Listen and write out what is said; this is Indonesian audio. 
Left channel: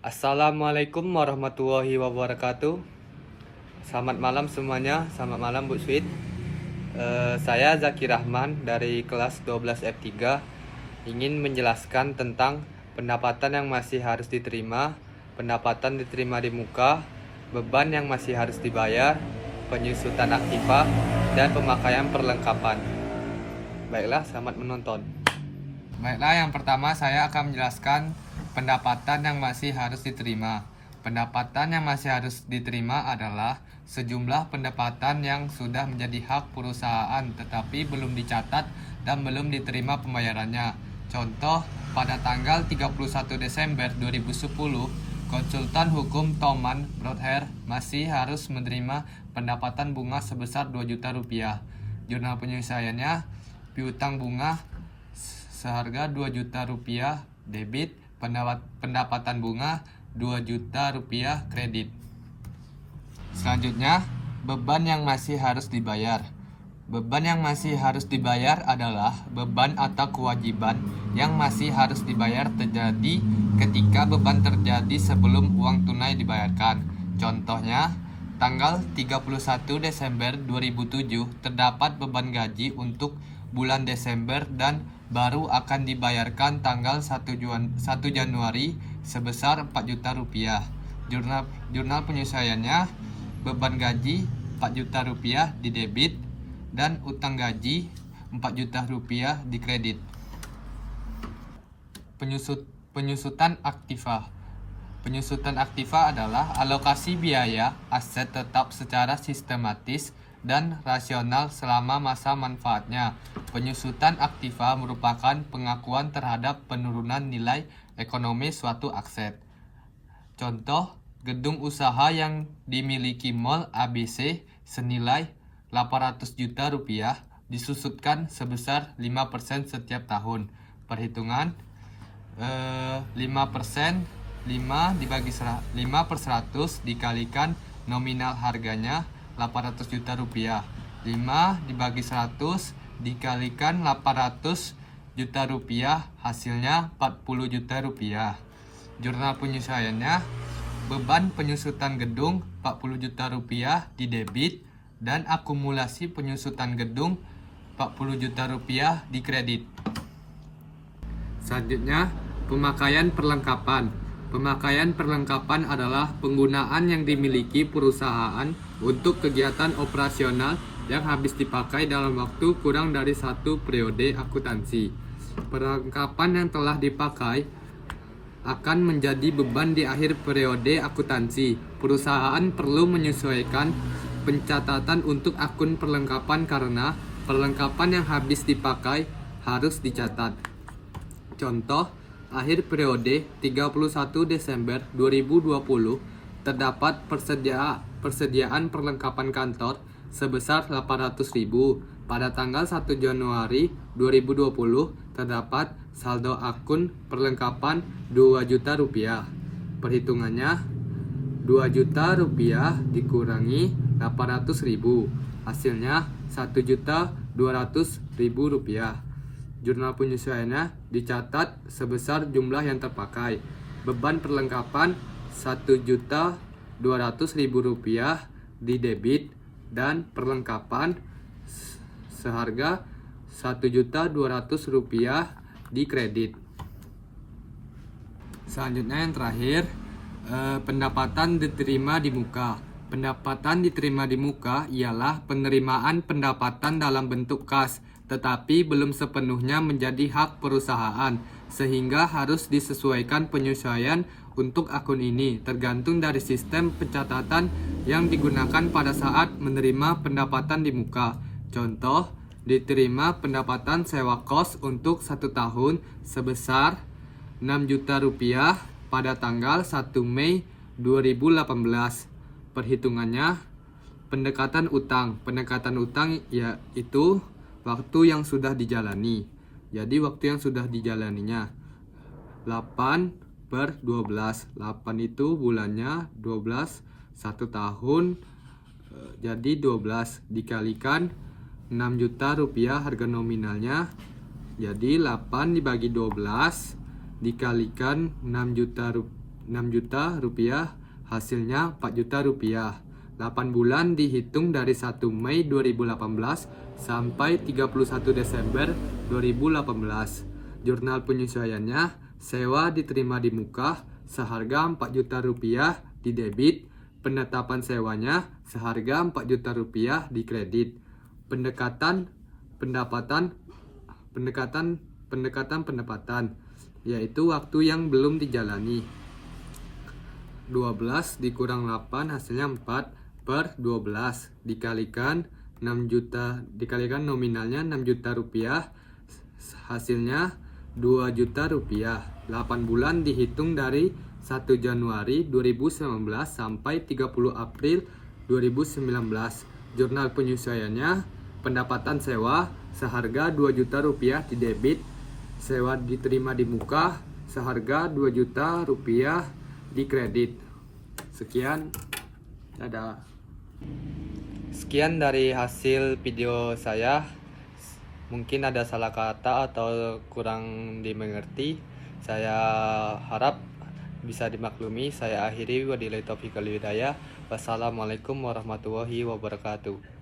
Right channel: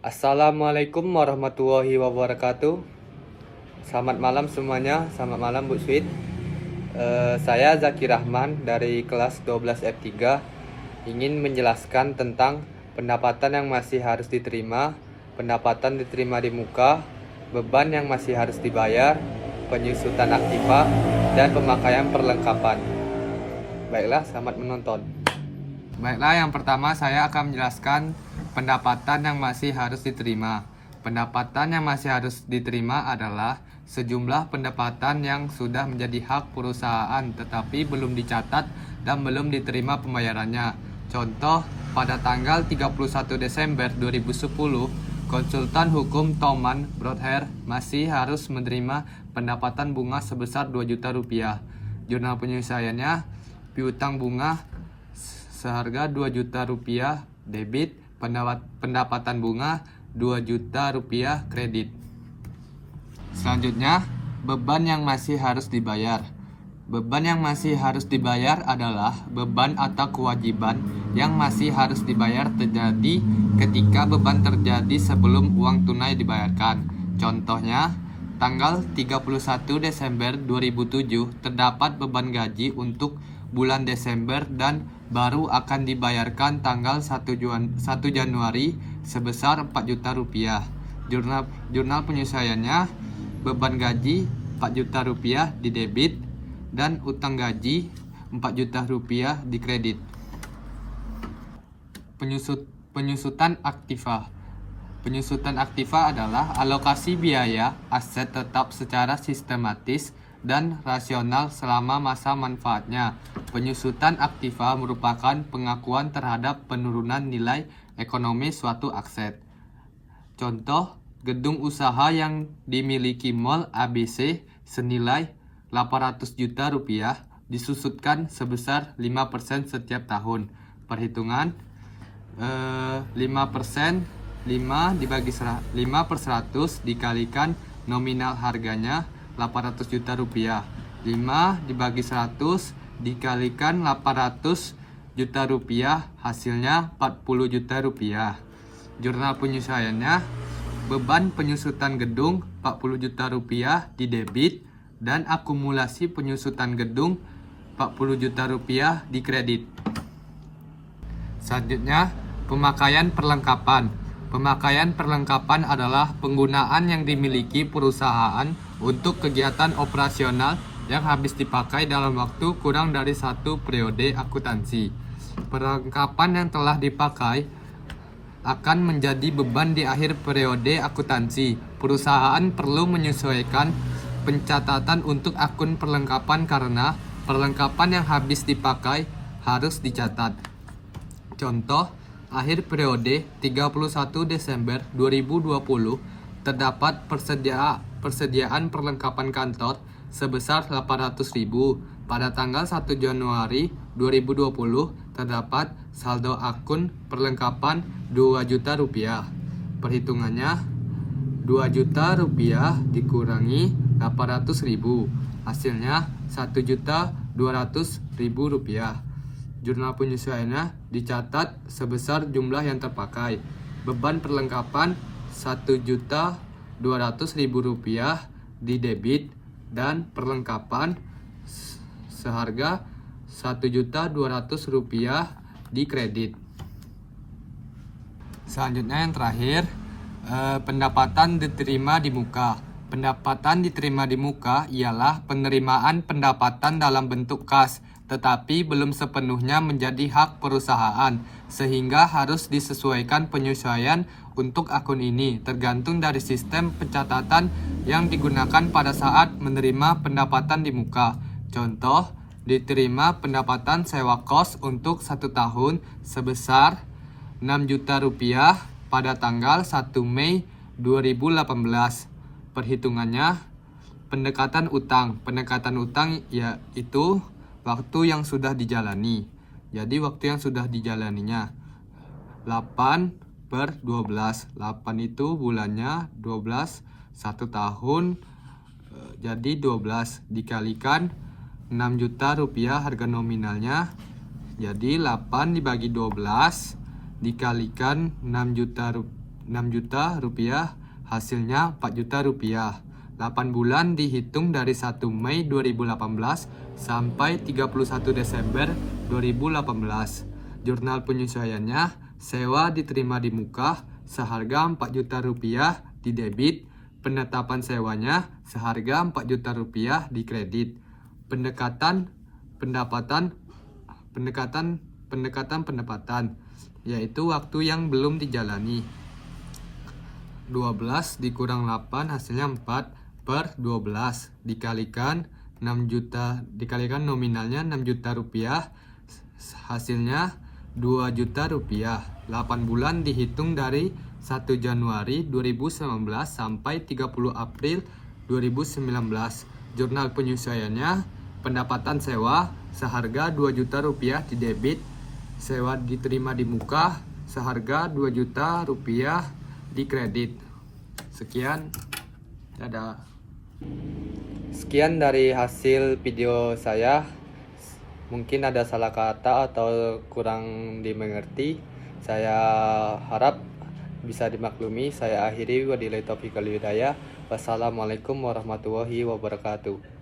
Assalamualaikum warahmatullahi wabarakatuh. Selamat malam semuanya, selamat malam Bu Sweet. Saya Zaki Rahman dari kelas 12 F3 ingin menjelaskan tentang pendapatan yang masih harus diterima, pendapatan diterima di muka, beban yang masih harus dibayar, penyusutan aktiva, dan pemakaian perlengkapan. Baiklah, selamat menonton. Baiklah, yang pertama saya akan menjelaskan pendapatan yang masih harus diterima. Pendapatan yang masih harus diterima adalah sejumlah pendapatan yang sudah menjadi hak perusahaan tetapi belum dicatat dan belum diterima pembayarannya. Contoh, pada tanggal 31 Desember 2010, konsultan hukum Thoman Broadhair masih harus menerima pendapatan bunga sebesar 2 juta rupiah. Jurnal penyelesaiannya, piutang bunga seharga 2 juta rupiah debit, pendapatan bunga 2 juta rupiah kredit. Selanjutnya, beban yang masih harus dibayar. Beban yang masih harus dibayar adalah beban atau kewajiban yang masih harus dibayar terjadi ketika beban terjadi sebelum uang tunai dibayarkan. Contohnya, tanggal 31 Desember 2007 terdapat beban gaji untuk bulan Desember dan baru akan dibayarkan tanggal 1 Januari sebesar 4 juta rupiah. Jurnal penyesuaiannya, beban gaji 4 juta rupiah di debit dan utang gaji 4 juta rupiah di kredit. Penyusutan aktiva. Penyusutan aktiva adalah alokasi biaya aset tetap secara sistematis dan rasional selama masa manfaatnya. Penyusutan aktiva merupakan pengakuan terhadap penurunan nilai ekonomi suatu aset. Contoh, gedung usaha yang dimiliki Mall ABC senilai 800 juta rupiah disusutkan sebesar 5% setiap tahun. Perhitungan 5% 5/100 dikalikan nominal harganya 800 juta rupiah. 5/100 dikalikan 800 juta rupiah hasilnya 40 juta rupiah. Jurnal penyesuaiannya, beban penyusutan gedung 40 juta rupiah di debit dan akumulasi penyusutan gedung 40 juta rupiah di kredit. Selanjutnya, pemakaian perlengkapan. Pemakaian perlengkapan adalah penggunaan yang dimiliki perusahaan untuk kegiatan operasional yang habis dipakai dalam waktu kurang dari 1 periode akuntansi. Perlengkapan yang telah dipakai akan menjadi beban di akhir periode akuntansi. Perusahaan perlu menyesuaikan pencatatan untuk akun perlengkapan karena perlengkapan yang habis dipakai harus dicatat. Contoh, akhir periode 31 Desember 2020 terdapat persediaan perlengkapan kantor sebesar 800.000. Pada tanggal 1 Januari 2020 terdapat saldo akun perlengkapan 2 juta rupiah. Perhitungannya, 2 juta rupiah dikurangi 800.000 hasilnya 1.200.000 rupiah. Jurnal penyesuaiannya dicatat sebesar jumlah yang terpakai. Beban perlengkapan 1.200.000 rupiah di debit dan perlengkapan seharga 1.200.000 rupiah di kredit. Selanjutnya yang terakhir, pendapatan diterima di muka. Pendapatan diterima di muka ialah penerimaan pendapatan dalam bentuk kas, tetapi belum sepenuhnya menjadi hak perusahaan, sehingga harus disesuaikan penyesuaian untuk akun ini, tergantung dari sistem pencatatan yang digunakan pada saat menerima pendapatan di muka. Contoh, diterima pendapatan sewa kos untuk 1 tahun sebesar 6 juta rupiah pada tanggal 1 Mei 2018. Perhitungannya, pendekatan utang. Pendekatan utang yaitu waktu yang sudah dijalani. Jadi waktu yang sudah dijalaninya 8/12. 8 itu bulannya, 12 1 tahun, jadi 12 dikalikan 6 juta rupiah harga nominalnya. Jadi 8 dibagi 12 dikalikan 6 juta 6 juta rupiah, hasilnya 4 juta rupiah. 8 bulan dihitung dari 1 Mei 2018 sampai 31 Desember 2018. Jurnal penyesuaiannya, sewa diterima di muka seharga 4 juta rupiah di debit, penetapan sewanya seharga 4 juta rupiah di kredit. Pendekatan pendapatan yaitu waktu yang belum dijalani. 12 dikurang 8 hasilnya 4/12 dikalikan 6 juta dikalikan nominalnya 6 juta rupiah, hasilnya 2 juta rupiah. 8 bulan dihitung dari 1 Januari 2019 sampai 30 April 2019. Jurnal penyesuaiannya, pendapatan sewa seharga 2 juta rupiah di debit, sewa diterima di muka seharga 2 juta rupiah di kredit. Sekian, dadah. Sekian dari hasil video saya. Mungkin ada salah kata atau kurang dimengerti. Saya harap bisa dimaklumi. Saya akhiri, wabillahi taufiq wal hidayah. Wassalamualaikum warahmatullahi wabarakatuh.